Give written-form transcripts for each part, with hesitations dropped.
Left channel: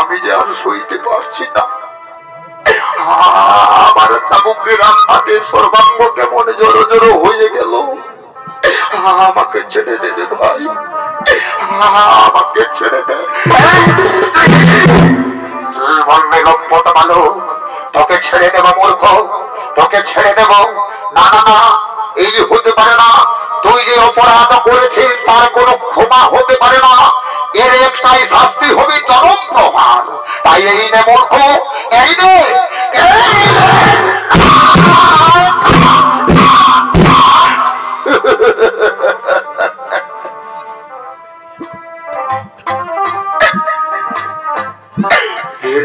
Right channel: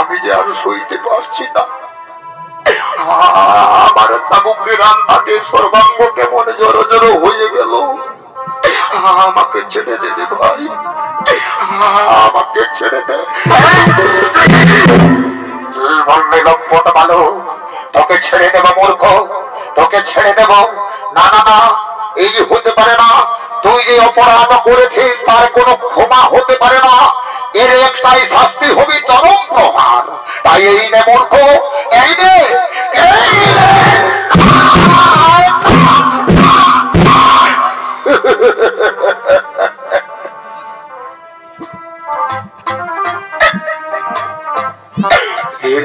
আমি যে আর সইতে পারছি না। আমার চাবুকের আঘাতে সর্বাঙ্গ কেমন জড়ো জড়ো হয়ে গেল। আমাকে ছেড়ে দে রে ভাই, আমাকে ছেড়ে দে। বলবে লম্পট বালক, তোকে ছেড়ে দেব মূর্খ, তোকে ছেড়ে দেব। না না না, এই হতে পারে না। তুই যে অপরাধ করেছিস তার কোনো ক্ষমা হতে পারে না। এর একটাই শাস্তি হবে চরম প্রহার। তাই এই নে মূর্খ, এই নে, এই নে।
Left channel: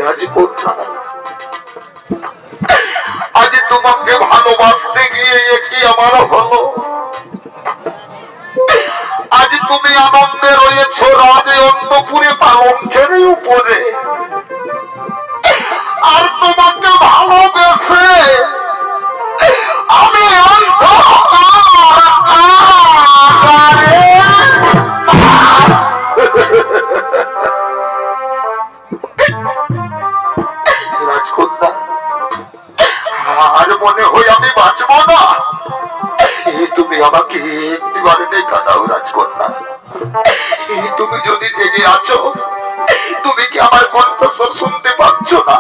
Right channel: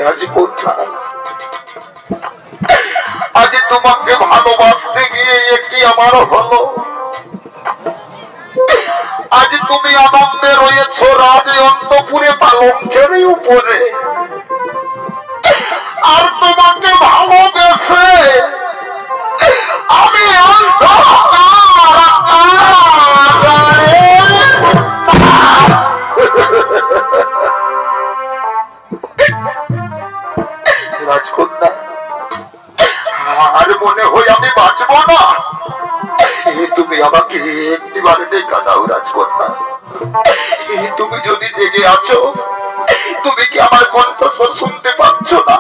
রাজকন্যা, আজ তোমাকে ভালোবাসতে গিয়ে একটি আমার হলো। আজ তুমি আনন্দে রয়েছ রাজ অন্তপুরে পালঙ্কের উপরে, আর তোমাকে ভালোবেসে আমি রাজকন্যা, আর মনে হয় আমি বাঁচব না। তুমি আমাকে একটিবার দেখা দাও রাজকন্যা। তুমি যদি জেগে আছো, তুমি কি আমার কণ্ঠস্বর শুনতে পাচ্ছ না?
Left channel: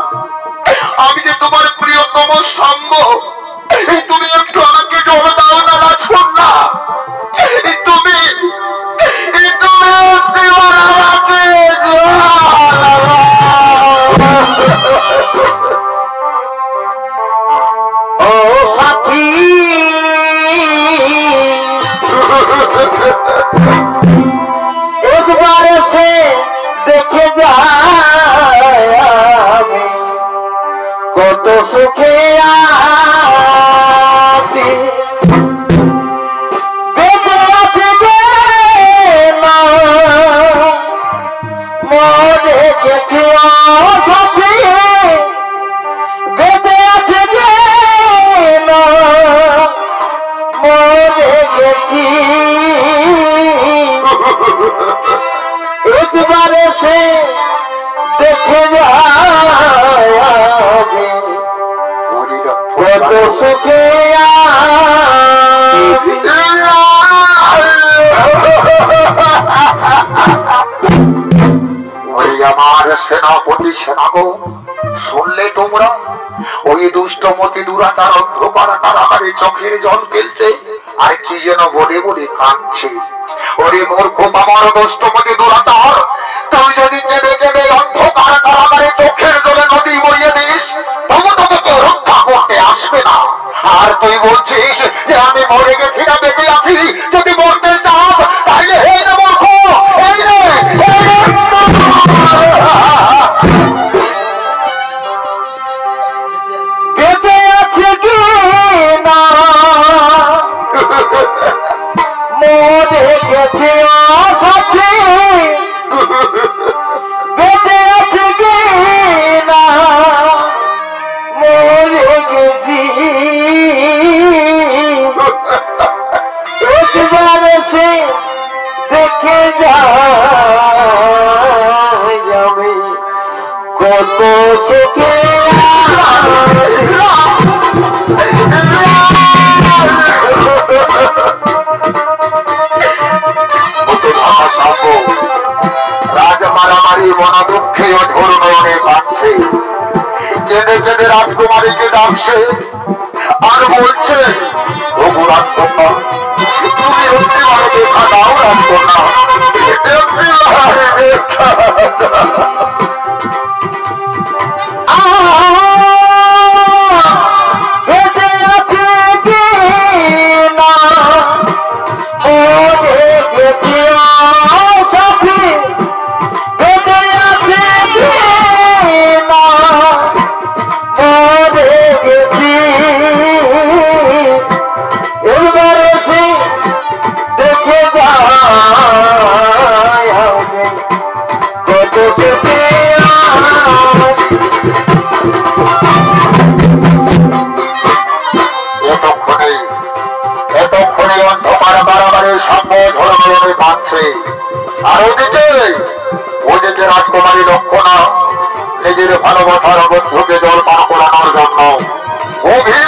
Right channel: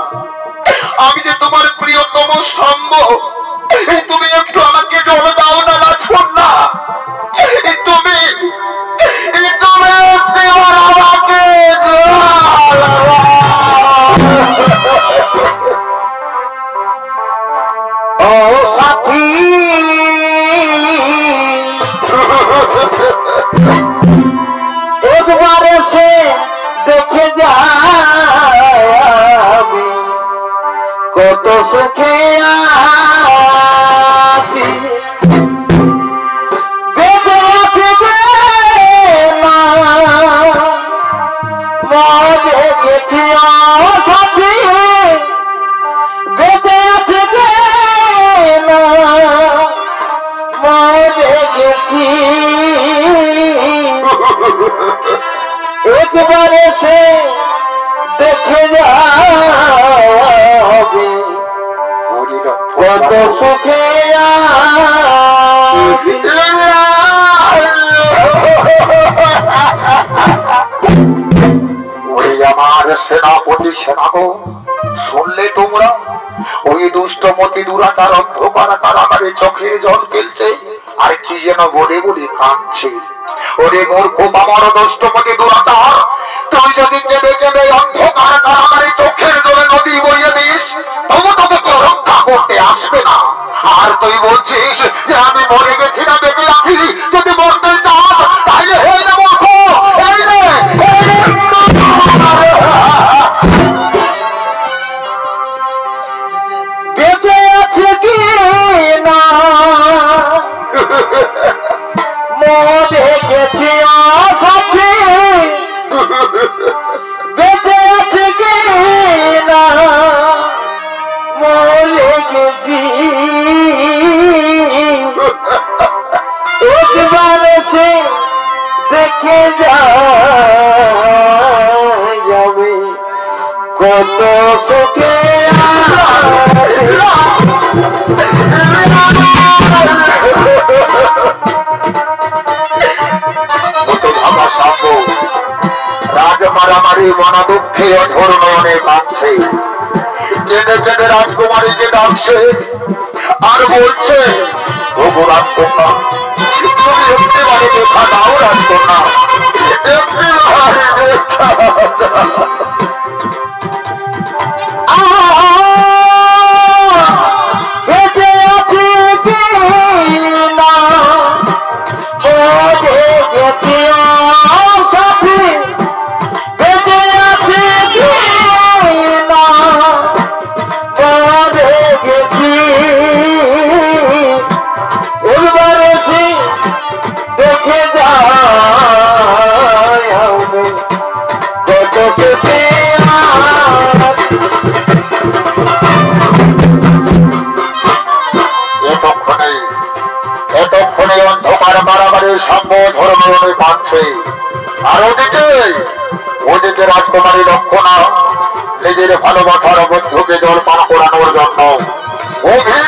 আমি যে তোমার প্রিয়তম সঙ্গ। তুমি একটু আমাকে জল দাও না রাজকন্যা। তুমি তুমি আমাকে ও সাথী, একবার সে দেখে যাবি কত সুখে আছি। বেঁচে আছে যে না মরে গেছি সাথী, বেঁচে আছে যে না মরে গেছি। একবারে সে দেখে যাবে কত সুখে ওই আমার সেনাপতি সেনাগণ, শুনলে তোমরা? ওই দুষ্টমতি দুরাচার অন্ধকার কারাগারে চোখের জল ফেলছে আর কি যেন বলে বলে কাঁদছে। ওরে মূর্খ বাবার দুষ্টমতি দুরাচার, তুই যদি কেঁদে কেঁদে অন্ধকার কারাগারে চোখের জলে নদী বইয়ে দিস, তবু তোকে কেউ রক্ষা করতে আসবে না। আর তুই বলছিস যে আমি মরে গেছি না বেঁচে আছি। যদি মরতে চাস তাহলে হে না মূর্খ, এই রে বেঁচে আছে কি না মরে গেছি সাথী, বেঁচে আছে কি না মরে গেছি। একবার সে দেখে যাবে কত সুখে রাজ মারামারি মনা দুঃখে অঝোর নয়নে কাঁদছে, কেঁদে কেঁদে রাজকুমারীকে ডাকছে আর বলছে, ওগো রাজকন্যা, তুমি একটিবারে দেখা দাও রাজকন্যা, একটিবারে দেখা দাও। বেঁচে আছে কি না মরে গেছি সাথী, বেঁচে আছে মরে গেছি এবার এসে দেখে যায় কত পেতে এতক্ষণে অন্ধকার বাড়াবাড়ি সাম্য ঝড়ে কাঁদছে। আর ওদিকে রাজকুমারী লক্ষণা নিজের ভালোবাসার বন্ধুকে জল পান করানোর জন্য গভীর